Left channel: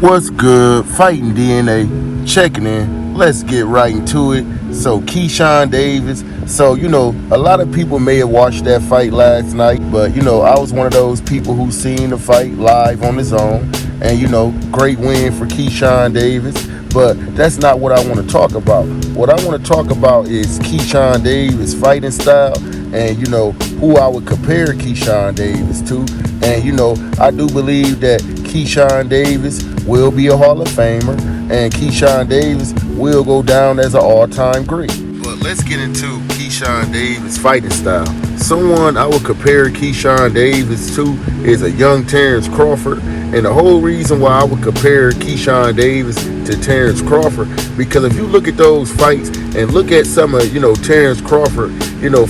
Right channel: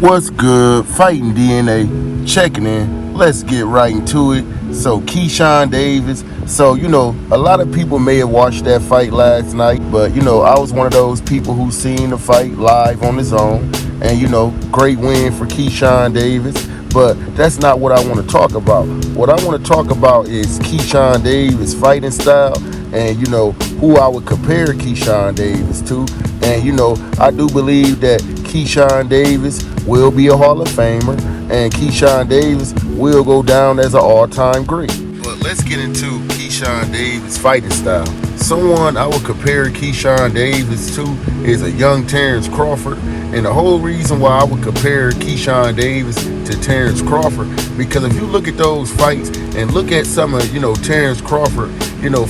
What's good? Fighting DNA, checking in. Let's get right into it. So, Keyshawn Davis. So, a lot of people may have watched that fight last night, but, I was one of those people who seen the fight live on his own. And, great win for Keyshawn Davis. But that's not what I want to talk about. What I want to talk about is Keyshawn Davis' fighting style and, who I would compare Keyshawn Davis to. And, I do believe that Keyshawn Davis will be a Hall of Famer, and Keyshawn Davis will go down as an all-time great. But let's get into Keyshawn Davis' fighting style. Someone I would compare Keyshawn Davis to is a young Terrence Crawford. And the whole reason why I would compare Keyshawn Davis to Terrence Crawford, because if you look at those fights and look at some of, Terrence Crawford,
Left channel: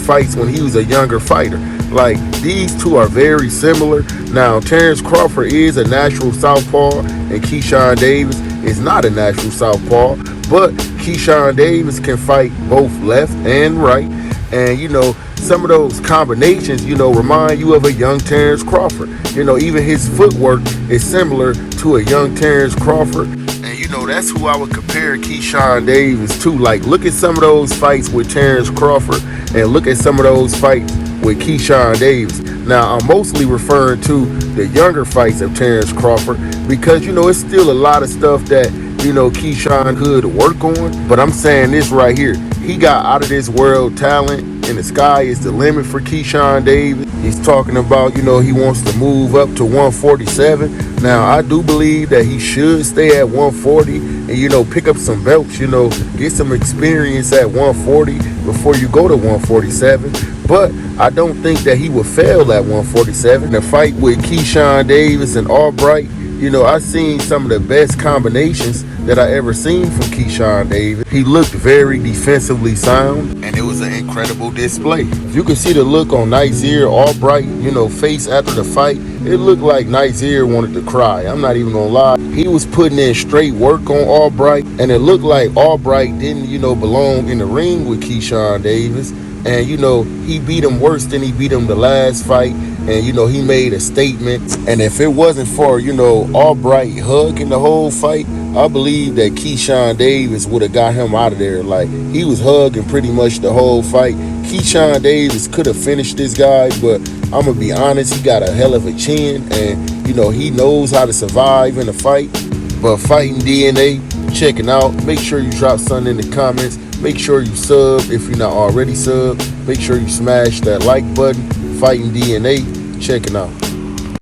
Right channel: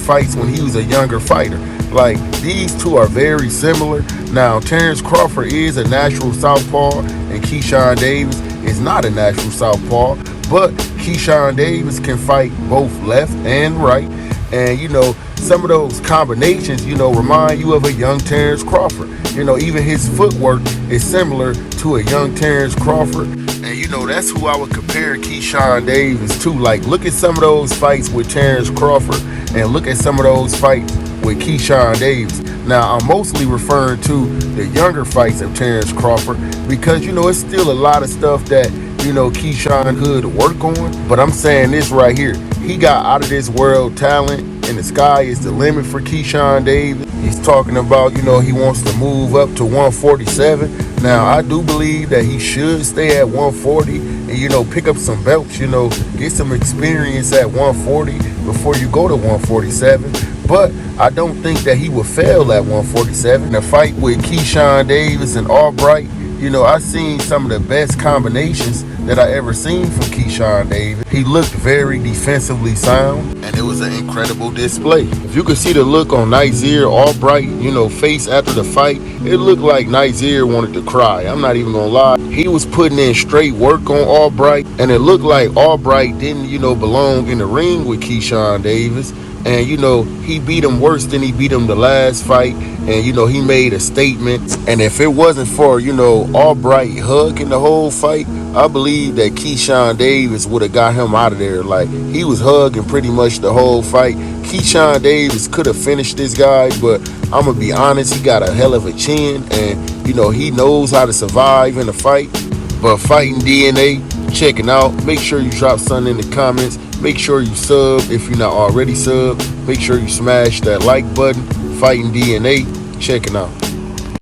fights when he was a younger fighter, like these two are very similar. Now, Terrence Crawford is a natural southpaw and Keyshawn Davis is not a natural southpaw, but Keyshawn Davis can fight both left and right. And, some of those combinations, remind you of a young Terrence Crawford. Even his footwork is similar to a young Terrence Crawford. And, that's who I would compare Keyshawn Davis to. Like, look at some of those fights with Terrence Crawford and look at some of those fights with Keyshawn Davis. Now, I'm mostly referring to the younger fights of Terrence Crawford because, it's still a lot of stuff that, Keyshawn could work on. But I'm saying this right here. He got out of this world talent, and the sky is the limit for Keyshawn Davis. He's talking about, he wants to move up to 147. Now, I do believe that he should stay at 140 and, pick up some belts, get some experience at 140 before you go to 147. But I don't think that he will fail at 147. The fight with Keyshawn Davis and Albright, I've seen some of the best combinations that I ever seen from Keyshawn Davis. He looked very defensively sound, and it was an incredible display. If you could see the look on Nizier Albright, face after the fight, it looked like Nizier wanted to cry. I'm not even gonna lie. He was putting in straight work on Albright, and it looked like Albright didn't, belong in the ring with Keyshawn Davis. And, he beat him worse than he beat him the last fight. And, he made a statement. And if it wasn't for, Albright hugging the whole fight, I believe that Keyshawn Davis would have got him out of there. Like, he was hugging pretty much the whole fight. Keyshawn Davis could have finished this guy, but I'm going to be honest, he got a hell of a chin. And, he knows how to survive in a fight. But Fighting DNA, checking out. Make sure you drop something in the comments. Make sure you sub if you're not already subbed. Make sure you smash that like button. Fighting DNA, checking out.